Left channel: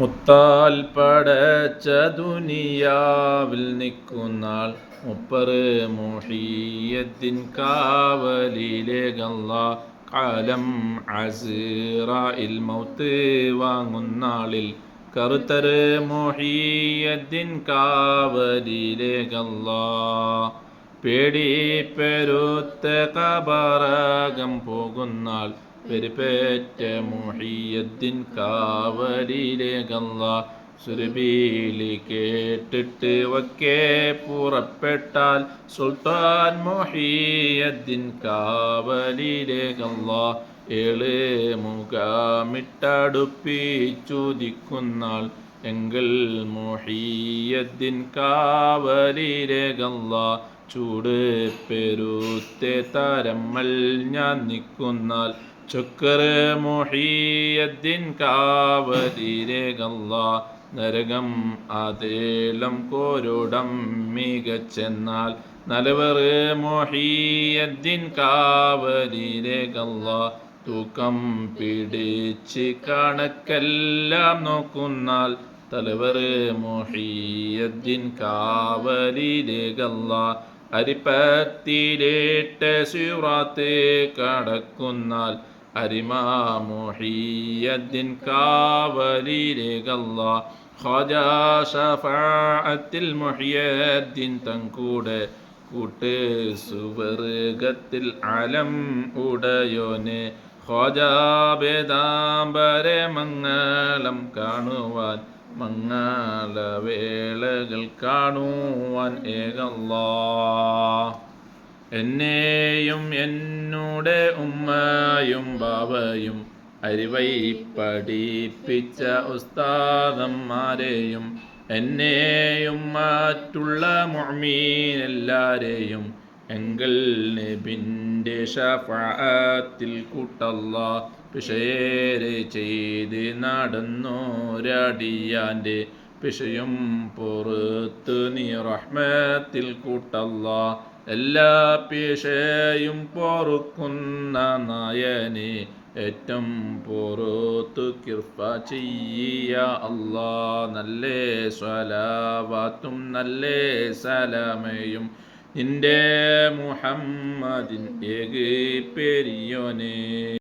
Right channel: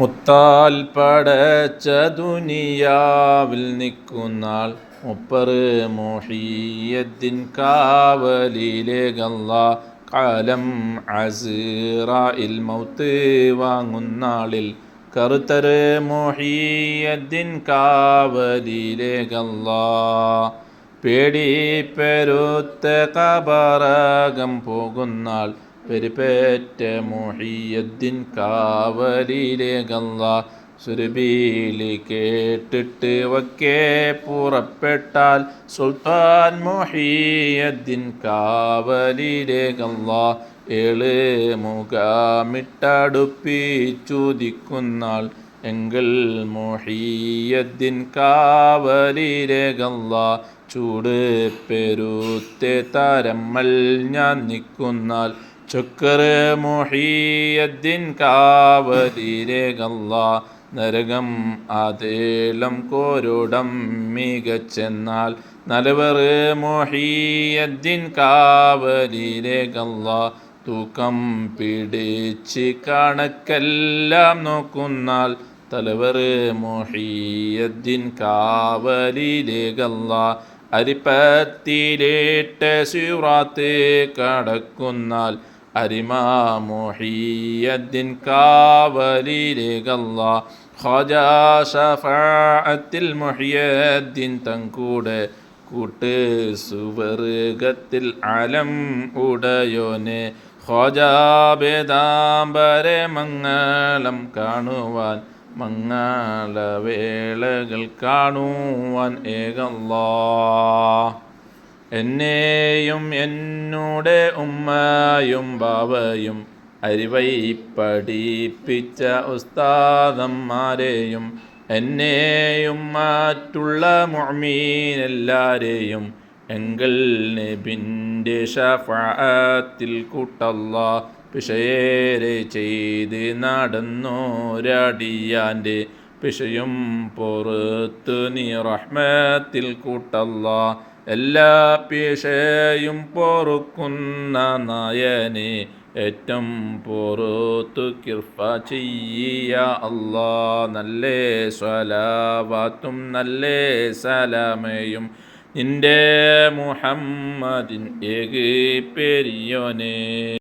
മുത്താൽ പടച്ച ദുനിയാവിൽ നിൽക്കുന്നാൾ മുപ്പറ് മുഹിയദ്ദീൻ കാവലിലേകല്ലാ കാലം അസ്റായിൽ മൗത്ത് വാങ്ങുന്നാളിൽ കറുത്തറ് മുഹിയദ്ദീൻ കാവലിലേകല്ലാ പേടി പെരുത്ത കബറകം പോകുന്നാൾ പെരുപേറ്റ മുഹിയദ്ദീൻ കാവലിലേകല്ലാ സുരബീലി കേട്ടിട്ട് വക്കെ പുറപ്പെട്ടാൽ സുൽത്താൻ മുഹിയദ്ദീൻ കാവലിലേകല്ലാ ഏഴ് മുഖമിട്ടടുപ്പിച്ചുദിക്കുന്നാൾ എങ്കിൽ മുഹിയദ്ദീൻ കാവലിലേകല്ലാ ചൂട് പെരുത്തെ തരമ്മൽ ഞാൻ നിൽക്കുന്നാൽ ചുക്കറ് മുഹിയദ്ദീൻ കാവലിലേകല്ലാ നരകം അതേലം കോരോടം മികച്ചെന്നാൽ നലവറ് മുഹിയദ്ദീൻ കാവലിലേകല്ലാ തൂക്കം പിടിച്ച് കണക്കെല്ലാം നോക്കുന്നാൽ തലവറ് മുഹിയദ്ദീൻ കാവലിലേകല്ലാ അരിപ്പത്തിലേട്ട് സിറാത്ത് കടക്കുന്നാൽ അരിമാ മുഹിയദ്ദീൻ കാവലിലേകല്ലാ ഖാജാ ശഫാഅത്തിൽ മുഹിയദ്ദീൻ തങ്കൂടെ കൂട്ട് സുവർഗത്തിൽ അലം ഉടയോനെ ഖാജാ ബേദാംബരെ മംഗളം കാണുവാൻ മംഗളവേളകൾ കാണുവാൻ ഏകല്ലാ എന്നെയും എന്നോട് ഉമ്മയും ബാവയും അറിവൈ പഠിപ്പിച്ച ഉസ്താദന്മാരെയും എന്നെയും മറ്റുള്ള മുഅ്മിനെല്ലാരെയും എങ്കൽ നബിൻ്റെ ശഫാഅത്തിൽ കൂട്ടല്ലാ പിശയേറെ ചെയ്ത് നടന്നോരടിയാൻ്റെ പിശയും പുറത്ത് നീ റഹ്മത്തിൽ കൂട്ടല്ലാ എല്ലാ പിശയും പൊറുക്കുന്ന നായനെ ഏറ്റം പുറത്തു കിർഫ ചെയ്യ അല്ലാ നല്ല സ്വലാവാത്തും നല്ല സലാമയും നിന്റെ മുഹമ്മദിൻ ഏകി പെരിയോനെ.